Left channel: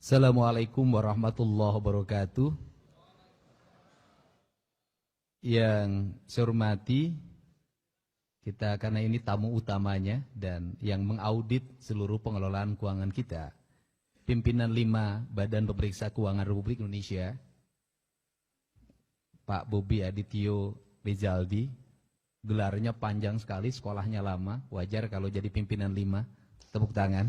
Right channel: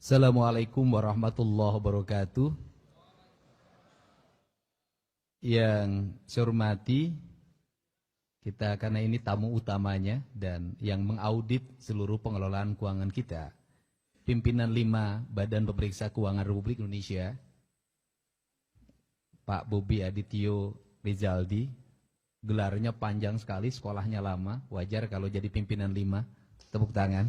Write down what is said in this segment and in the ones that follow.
Assalamualaikum warahmatullahi wabarakatuh. Yang saya hormati, kita karena ini tamu utamanya dan yang mengaudit seluruh pengelolaan keuangan kita, pimpinan 5 Badan Pemeriksa Keuangan Republik Indonesia, Pak Bobi Adityo Rizaldi, gelarnya panjang sekali, sekolahnya lama, wajar kalau jadi pimpinan 5, tepuk tangan.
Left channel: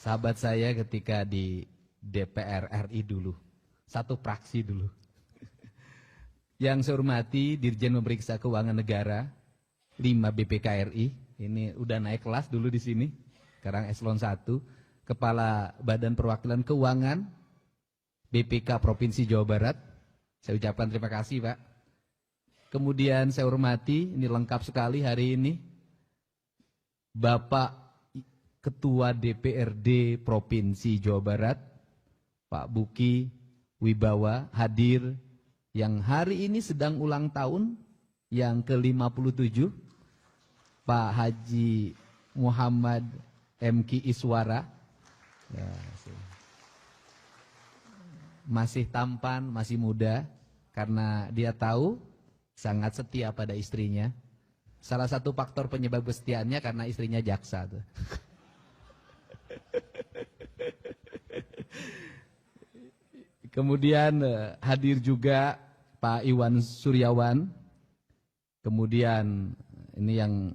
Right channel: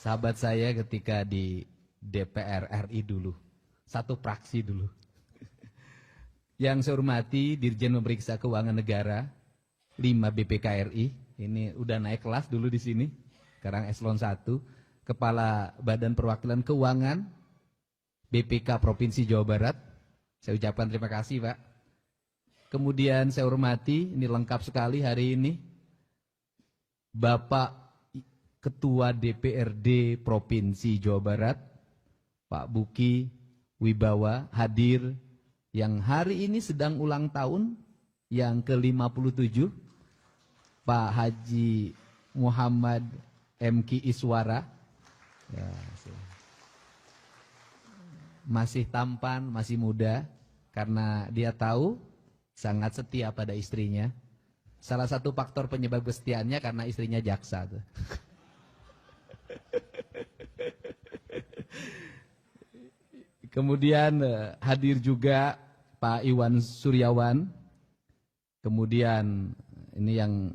Sahabat saya ketika di DPR RI dulu, satu praksi dulu. Yang saya hormati Dirjen Pemeriksa Keuangan Negara 5 BPKRI, ini udah naik kelas dulu di sini, sekarang eselon 1, Kepala Badan Perwakilan Keuangan BPK Provinsi Jawa Barat, saya ucapkan terima kasih Pak. Kemudian saya hormati, ini lengkap sekali hari ini, Bapak Ketua DPRD Provinsi Jawa Barat, Pak Buki Wibawa hadir, yang hari ini sedang ulang tahun yang ke-57, Pak Haji Muhammad MK Iswara, ya, masih tampan, masih muda, karena dia tahu sangat setia pada istrinya. Salah satu faktor penyebab kesetiaannya karena istrinya jaksa tuh. Kemudian hadir juga Pak Iwan Suryawan. Kemudian ini yang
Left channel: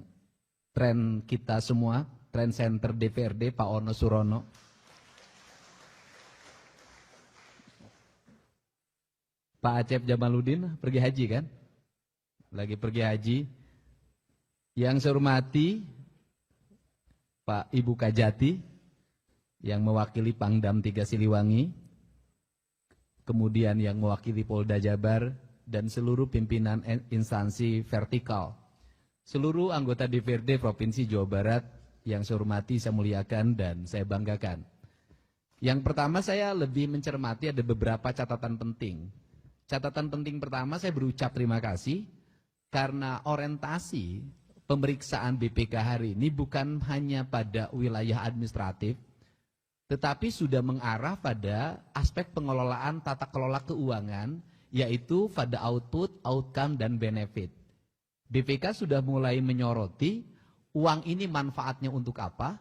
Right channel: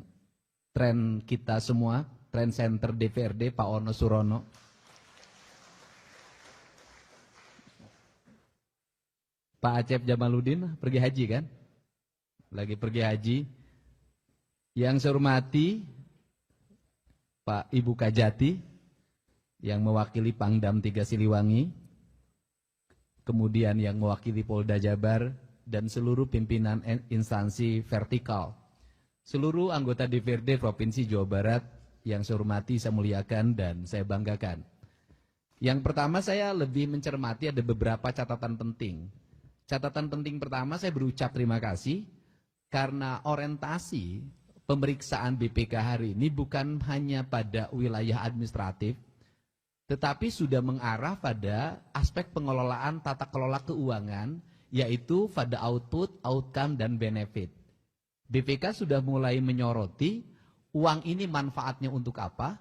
tren kita semua, tren center DPRD Pak Ono Surono. Pak Acep Jamaludin pergi haji kan? Lagi pergi haji. Yang saya hormati Pak Ibu Kajati yang mewakili Pangdam 3 Siliwangi. Kemudian yang mewakili Polda Jabar dan seluruh pimpinan instansi vertikal. Seluruh anggota DPRD Provinsi Jawa Barat yang saya hormati, saya muliakan, dan saya banggakan. Yang pertama saya lebih mencermati ada beberapa catatan penting. Catatan penting pertama saya berucap terima kasih karena orientasi pemeriksaan BPK hari ini bukan hanya pada wilayah administratif, tetapi sudah mengarah pada aspek pengelolaan tata kelola keuangan, yaitu pada output, outcome, dan benefit. BPK sudah mulai menyoroti uang ini manfaatnya untuk apa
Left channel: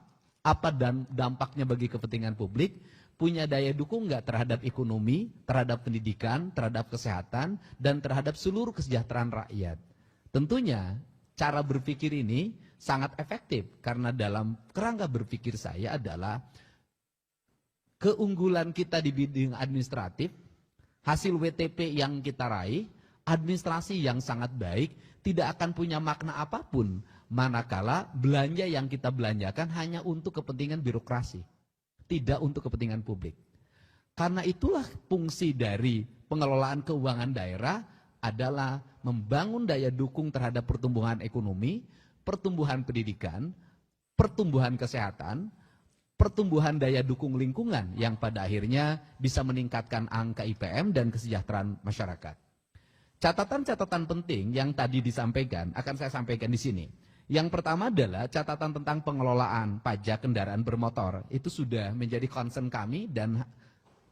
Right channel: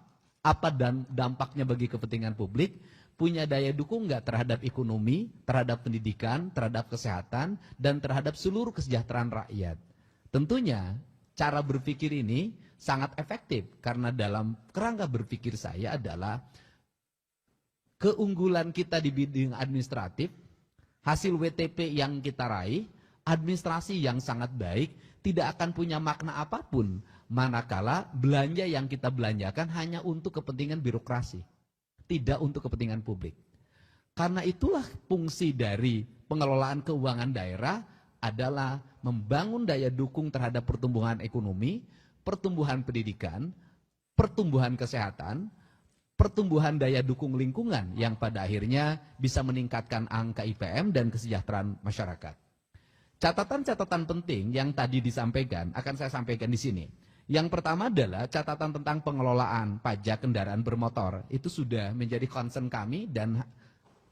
dan dampaknya bagi kepentingan publik, punya daya dukung nggak terhadap ekonomi, terhadap pendidikan, terhadap kesehatan, dan terhadap seluruh kesejahteraan rakyat. Tentunya cara berpikir ini sangat efektif, karena dalam kerangka berpikir saya adalah keunggulan kita di bidang administratif, hasil WTP yang kita raih, administrasi yang sangat baik, tidak akan punya makna apapun manakala belanja yang kita belanjakan hanya untuk kepentingan birokrasi, tidak untuk kepentingan publik. Karena itulah fungsi dari pengelolaan keuangan daerah adalah membangun daya dukung terhadap pertumbuhan ekonomi, pertumbuhan pendidikan, pertumbuhan kesehatan, pertumbuhan daya dukung lingkungan yang pada akhirnya bisa meningkatkan angka IPM dan kesejahteraan masyarakat. Catatan-catatan penting yang tadi disampaikan akan saya sampaikan di sini. Yang pertama adalah catatan tentang pengelolaan pajak kendaraan bermotor. Itu sudah menjadi concern kami dan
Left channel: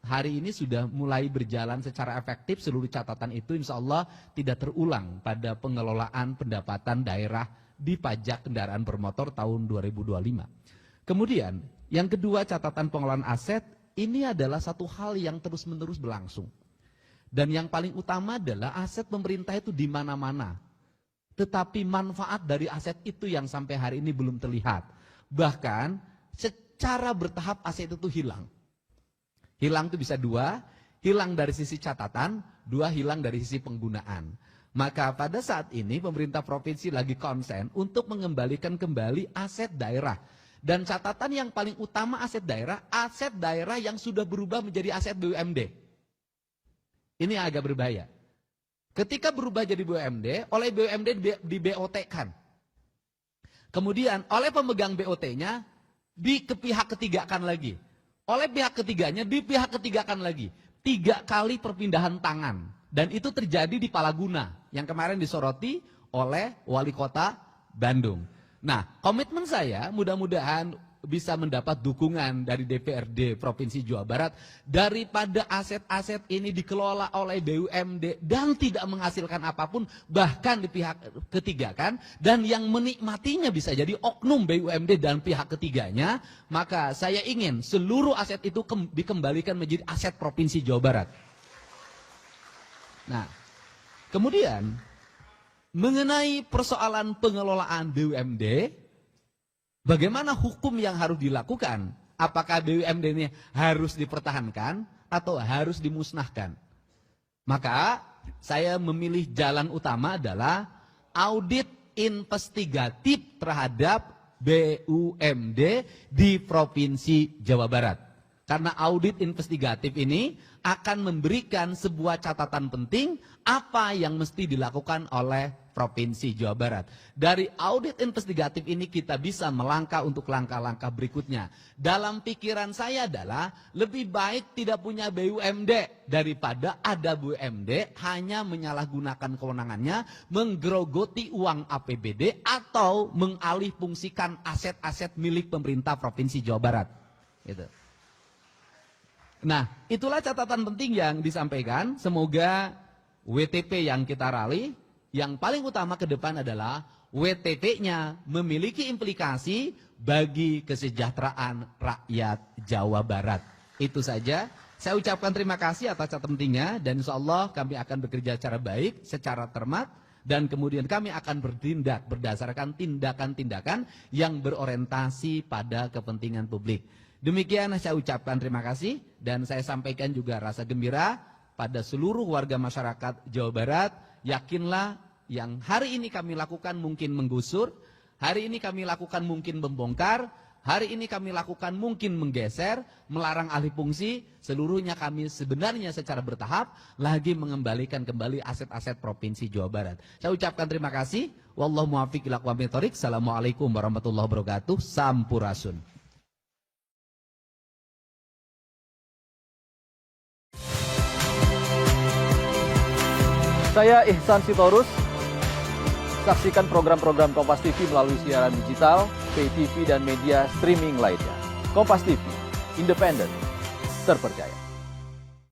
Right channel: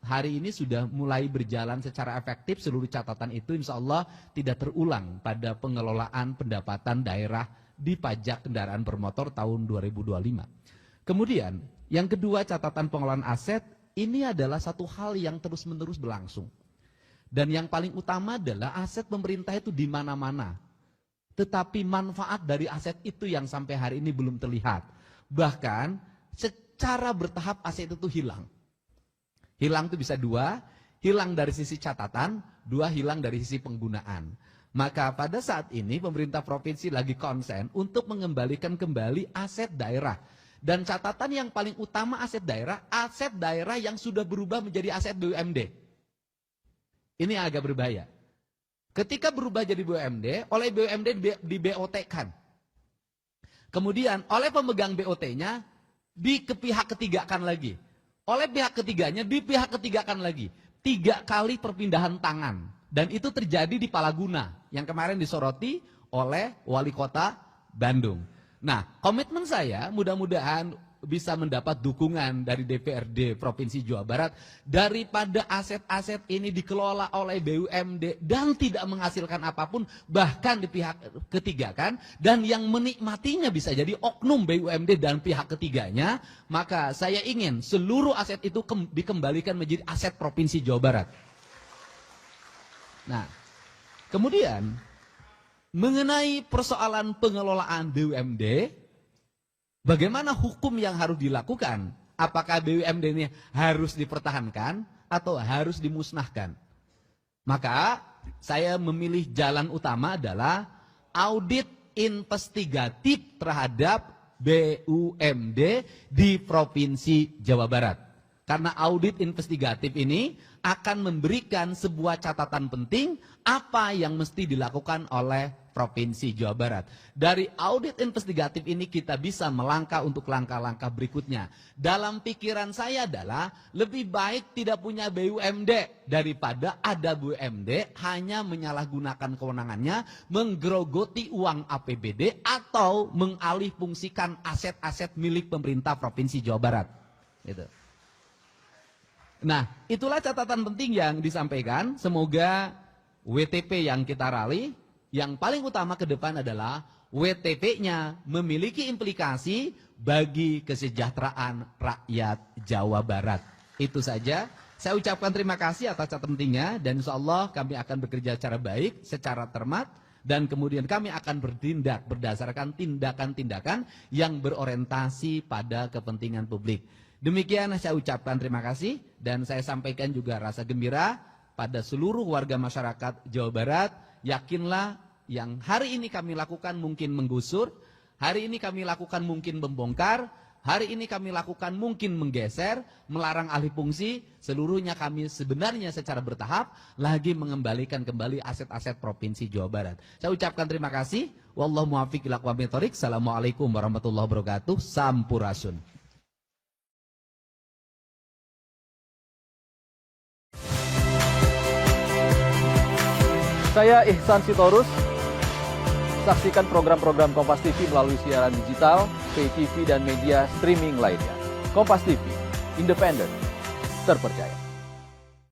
hari ini sudah mulai berjalan secara efektif. Seluruh catatan itu insya Allah tidak terulang pada pengelolaan pendapatan daerah di pajak kendaraan bermotor tahun 2025. Kemudian, yang kedua, catatan pengelolaan aset, ini adalah satu hal yang terus-menerus berlangsung. Dan yang paling utama adalah aset pemerintah itu di mana-mana. Tetapi manfaat dari aset itu yang sampai hari ini belum terlihat. Bahkan, secara bertahap aset itu hilang. Hilang itu bisa 2, hilang dari sisi catatan, 2 hilang dari sisi penggunaan. Maka pada saat ini pemerintah provinsi lagi konsen untuk mengembalikan kembali aset daerah. Dan catatan yang paling utama aset daerah yang sudah berubah menjadi aset BUMD. Ini agak berbahaya. Ketika berubah jadi BUMD, oleh BUMD di BOT-kan. Kemudian oleh pemegang BOT-nya di pihak ketigakan lagi. Oleh pihak ketiganya di pihak ketigakan lagi. 3 kali perpindahan tangan. Dan itu terjadi di Palaguna yang kemarin disoroti oleh Wali Kota Bandung. Nah, komitmen saya mudah-mudahan bisa mendapat dukungan dari DPRD Provinsi Jawa Barat daripada aset-aset ini dikelola oleh BUMD dan tidak menghasilkan apapun, bahkan di pihak ketiga kan, dan yang menikmatinya bisa jadi oknum BUMD dan pihak ketiganya, maka saya ingin seluruh aset itu dikembalikan menjadi aset Provinsi Jawa Barat. Nah, kemudian mengenai persoalan pengelolaan BUMD, bagaimana hukum yang harus dilakukan? Apakah BUMD ini harus dipertahankan atau harus dimusnahkan? Maka saya memilih jalan utama adalah audit investigatif terhadap BUMD di Provinsi Jawa Barat. Karena audit investigatif ini akan memberikan sebuah catatan penting apa yang mesti dilakukan oleh Provinsi Jawa Barat. Dari audit investigatif ini kita bisa melangkah untuk langkah-langkah berikutnya. Dalam pikiran saya adalah lebih baik tidak punya BUMD daripada ada BUMD hanya menyalahgunakan kewenangannya, menggerogoti uang APBD atau mengalihfungsikan aset-aset milik pemerintah Provinsi Jawa Barat. Gitu. Nah, itulah catatan penting yang disampaikan. Semoga WTP yang kita raih, yang paling utama ke depan adalah WTP-nya memiliki implikasi bagi kesejahteraan rakyat Jawa Barat. Itu saja. Saya ucapkan terima kasih atas catatan pentingnya, dan insya Allah kami akan bekerja secara baik, secara cermat, dan kemudian kami akan bertindak berdasarkan tindakan-tindakan yang berorientasi pada kepentingan publik. Demikian saya ucapkan terima kasih, dan saya sampaikan juga rasa gembira pada seluruh warga masyarakat Jawa Barat. Yakinlah yang hari ini kami lakukan mungkin menggusur, hari ini kami lakukan mungkin membongkar, hari ini kami lakukan mungkin menggeser, melarang alih fungsi, seluruhnya kami sebenarnya secara bertahap lagi mengembalikan kembali aset-aset Provinsi Jawa Barat. Saya ucapkan terima kasih. Wallahu muwaffiq ila aqwamit thoriq. Assalamualaikum warahmatullahi wabarakatuh. Sampurasun. Saya Ihsan Sitorus. Saksikan program-program Kompas TV melalui siaran digital, pay TV, dan media streaming lainnya. Kompas TV, independen, terpercaya.